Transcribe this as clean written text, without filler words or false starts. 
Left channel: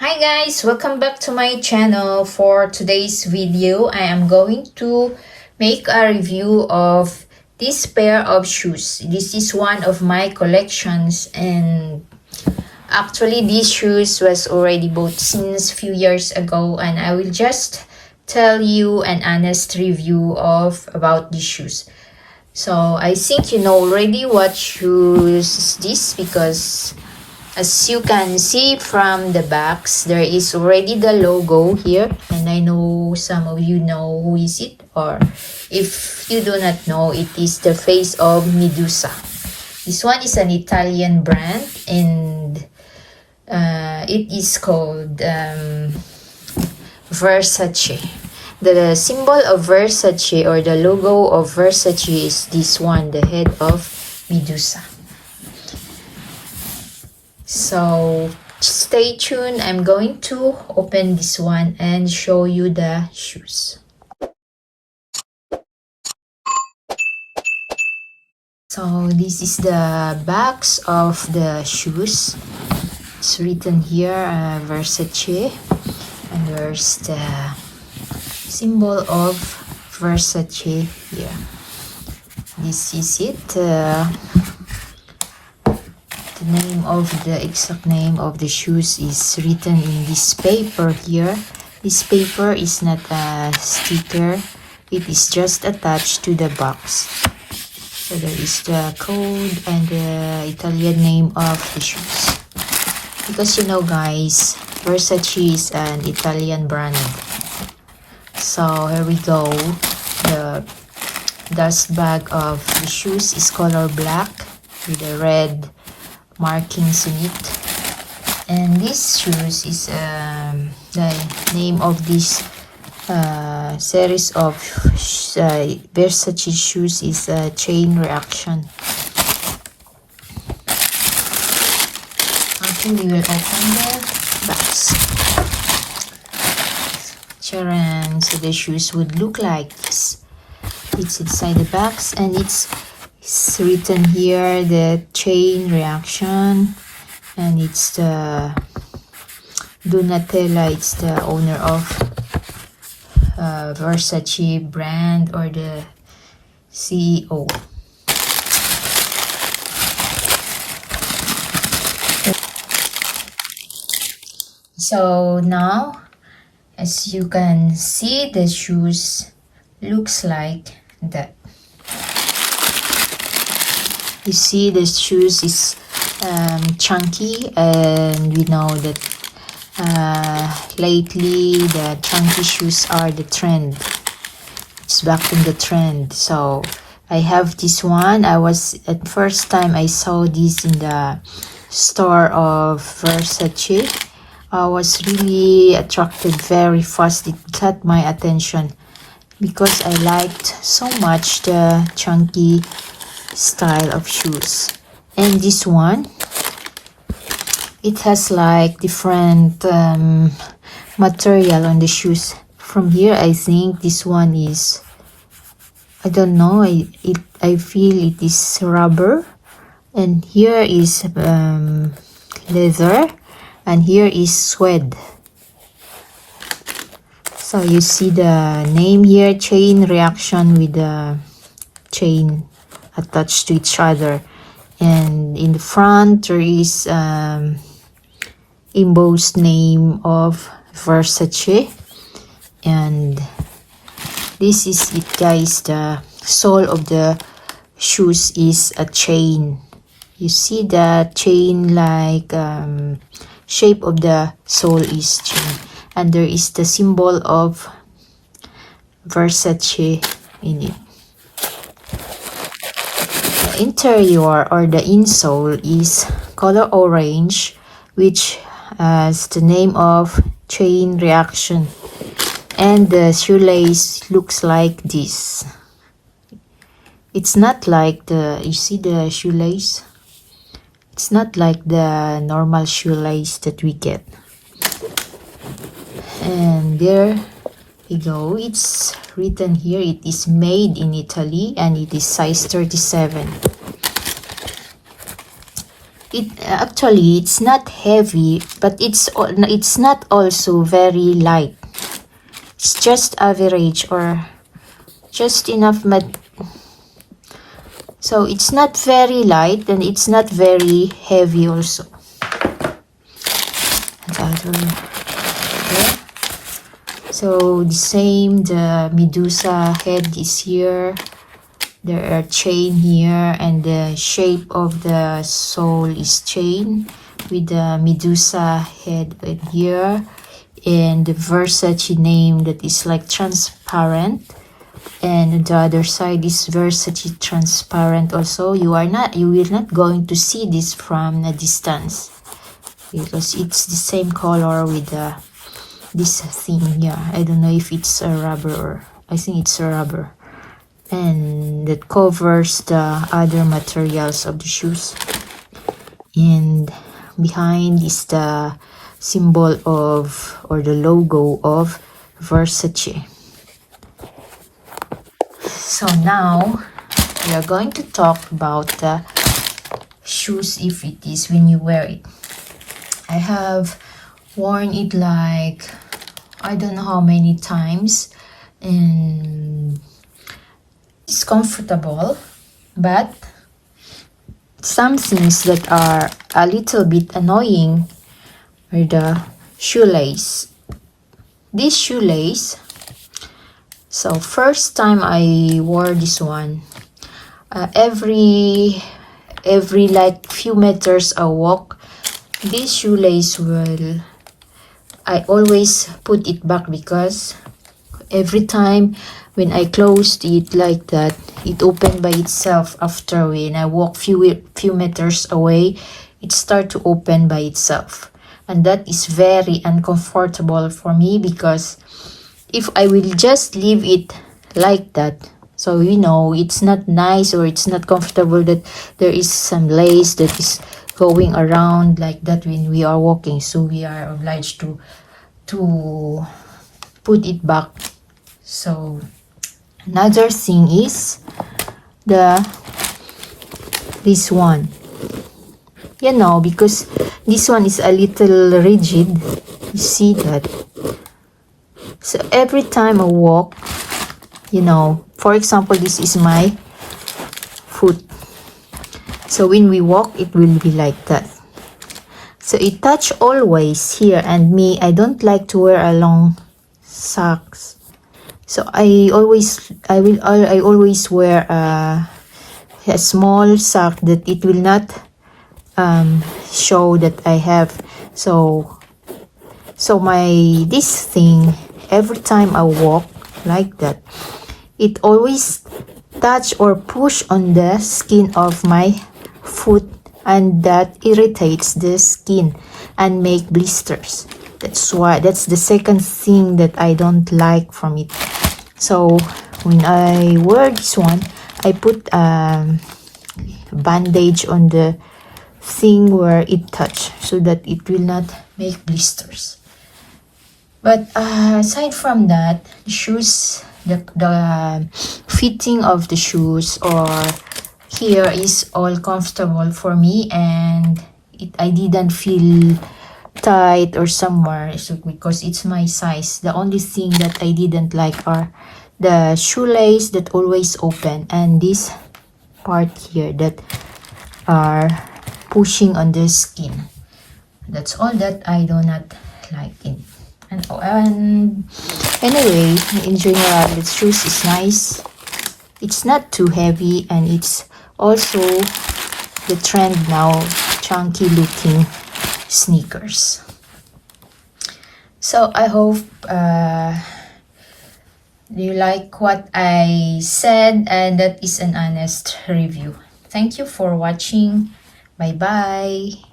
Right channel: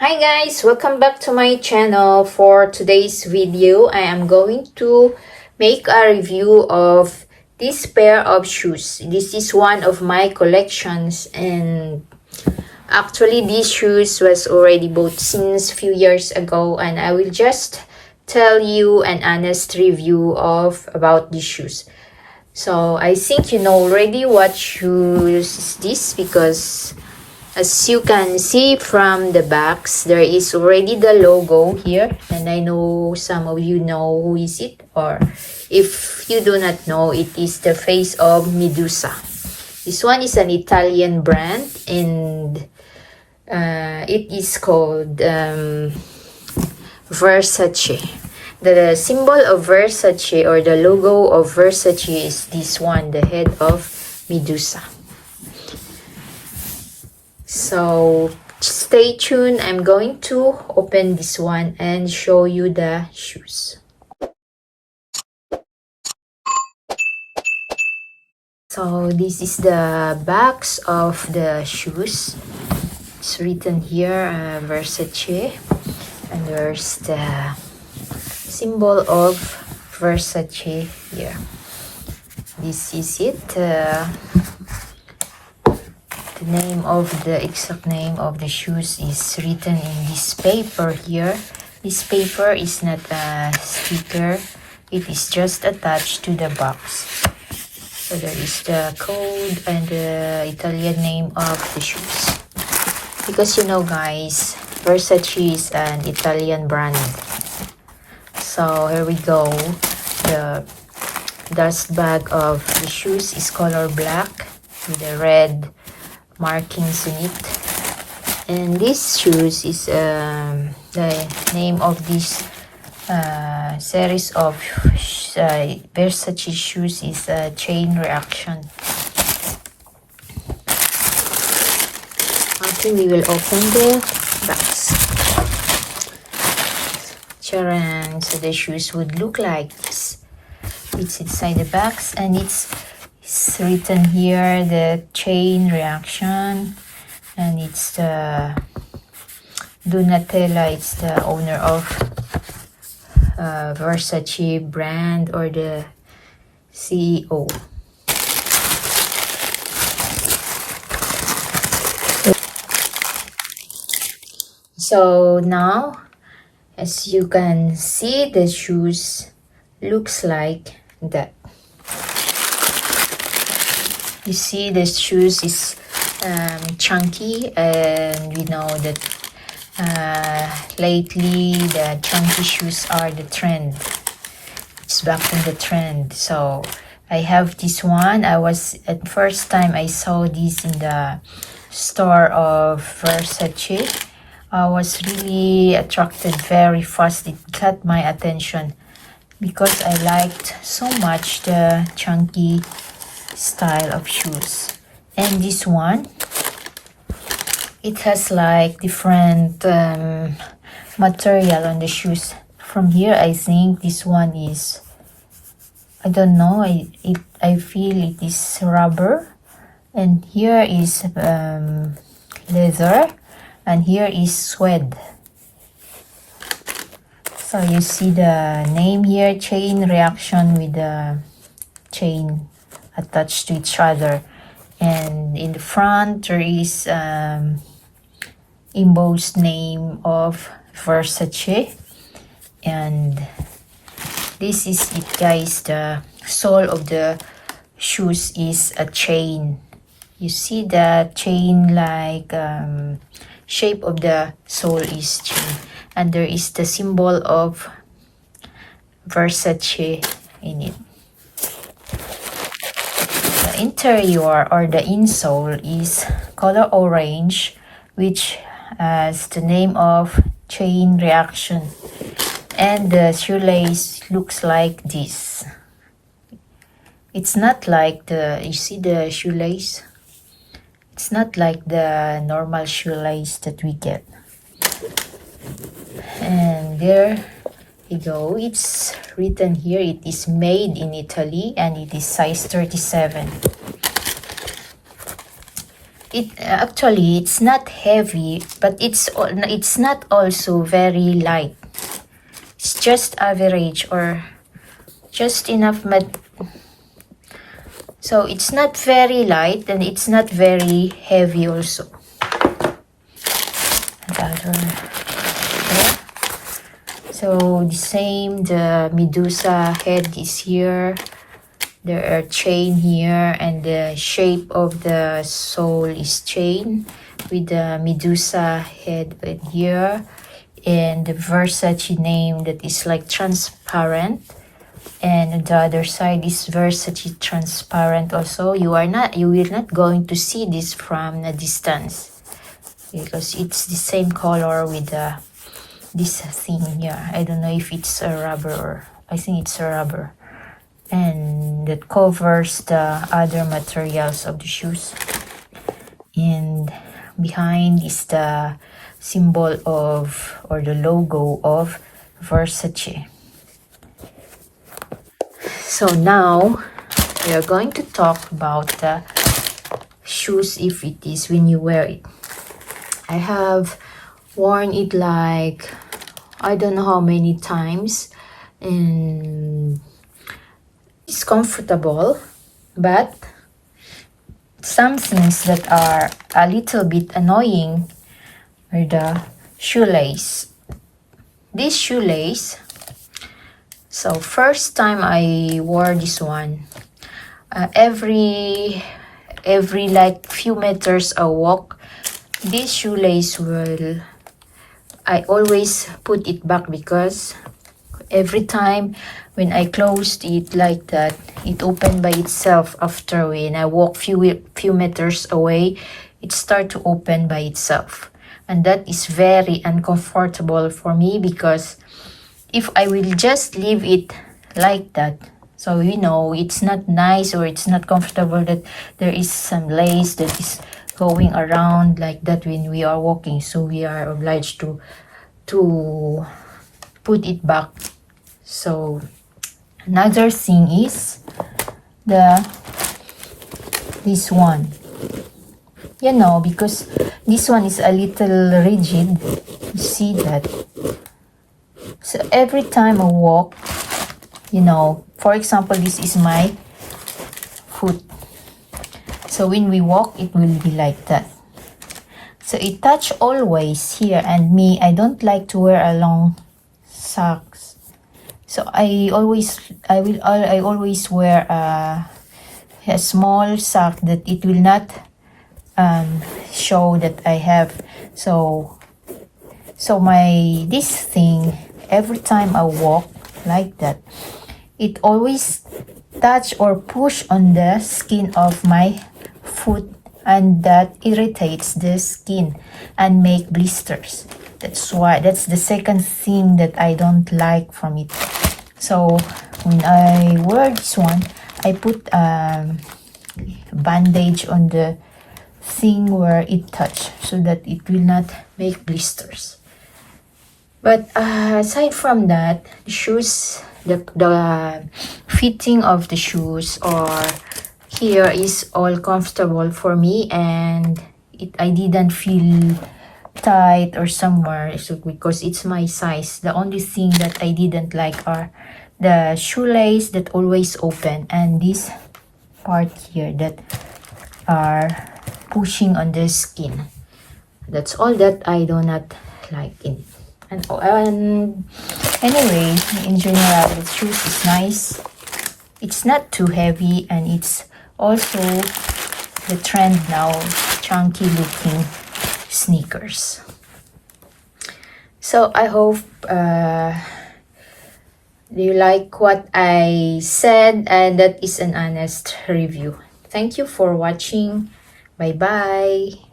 Hi guys, welcome back to my channel. For today's video, I am going to make a review of this pair of shoes. This is one of my collections, and actually these shoes was already bought since few years ago, and I will just tell you an honest review of about these shoes. So I think you know already what shoes is this, because as you can see from the backs, there is already the logo here, and I know some of you know who is it, or if you do not know, it is the face of Medusa. This one is an Italian brand, and it is called Versace. The symbol of Versace, or the logo of Versace, is this one, the head of Medusa. So stay tuned. I'm going to open this one and show you the shoes. So this is the backs of the shoes. It's written here Versace, and there's the symbol of Versace here. This is it. The exact name of the shoes is written in this paper here. This paper is not a sticker, it is just attached to the box. So there is the code and the Italian name of the shoes. Because you know guys, Versace is an Italian brand. So here we go. The dust bag of the shoes is color black with a red markings in it, and this shoes is the name of this series of Versace shoes is Chain Reaction. Okay, we will open the box. Charan. So the shoes would look like this. It's inside the box, and it's written here the Chain Reaction, and it's the Donatella. It's the owner of Versace brand, or the CEO. So now, as you can see, the shoes looks like that. You see the shoes is chunky, and we know that lately the chunky shoes are the trend. It's back in the trend. So I have this one. At first time I saw this in the store of Versace, I was really attracted very fast. It caught my attention because I liked so much the chunky style of shoes. And this one, it has like different material on the shoes. From here, I think this one is, I don't know, I feel it is rubber, and here is leather, and here is suede. So you see the name here, Chain Reaction, with the chain attached to each other, and in the front there is embossed name of Versace. And this is it guys, the sole of the shoes is a chain. You see the chain, like shape of the sole is chain, and there is the symbol of Versace in it. Interior, or the insole, is color orange, which has the name of Chain Reaction, and the shoelace looks like this. It's not like you see the shoelace, it's not like the normal shoelace that we get. And there you go, it's written here, it is made in Italy, and it is size 37. It actually, it's not heavy, but it's not also very light. It's just average or just enough. So it's not very light and it's not very heavy also. So the same, the Medusa head is here. There are chain here, and the shape of the sole is chain with the Medusa head right here, and the Versace name that is like transparent, and the other side is Versace transparent also. You will not going to see this from a distance because it's the same color with this thing here. I don't know if it's a rubber or I think it's a rubber, and that covers the other materials of the shoes. And behind is the symbol of, or the logo of, Versace. So now we are going to talk about the shoes, if it is when you wear it. I have worn it like I don't know how many times, and it's comfortable, but some things that are a little bit annoying are the shoelace. This shoelace, so first time I wore this one, every like few meters I walk, this shoelace I always put it back because every time when I closed it like that, it opened by itself. After when I walk few meters away, it start to open by itself, and that is very uncomfortable for me because if I will just leave it like that, so you know, it's not nice or it's not comfortable that there is some lace that is going around like that when we are walking, so we are obliged to put it back. So another thing is this one, you know, because this one is a little rigid, you see that. So every time I walk, you know, for example, this is my foot, so when we walk it will be like that. So it touch always here, and me, I don't like to wear a long socks, so I always wear a small sock that it will not show that I have. So this thing, every time I walk like that, it always touch or push on the skin of my foot, and that irritates the skin and make blisters. That's the second thing that I don't like from it. So when I wear this one, I put a bandage on the thing where it touch so that it will not make blisters. But aside from that, the shoes, the fitting of the shoes or here is all comfortable for me, and I didn't feel tight or somewhere, so because it's my size. The only thing that I didn't like are the shoelace that always open, and this part here that are pushing on the skin. That's all that I do not like in it. And anyway, in general, the shoes is nice. It's not too heavy, and it's also the trend now, chunky looking sneakers. So I hope you like what I said, and that is an honest review. Thank you for watching. Bye bye.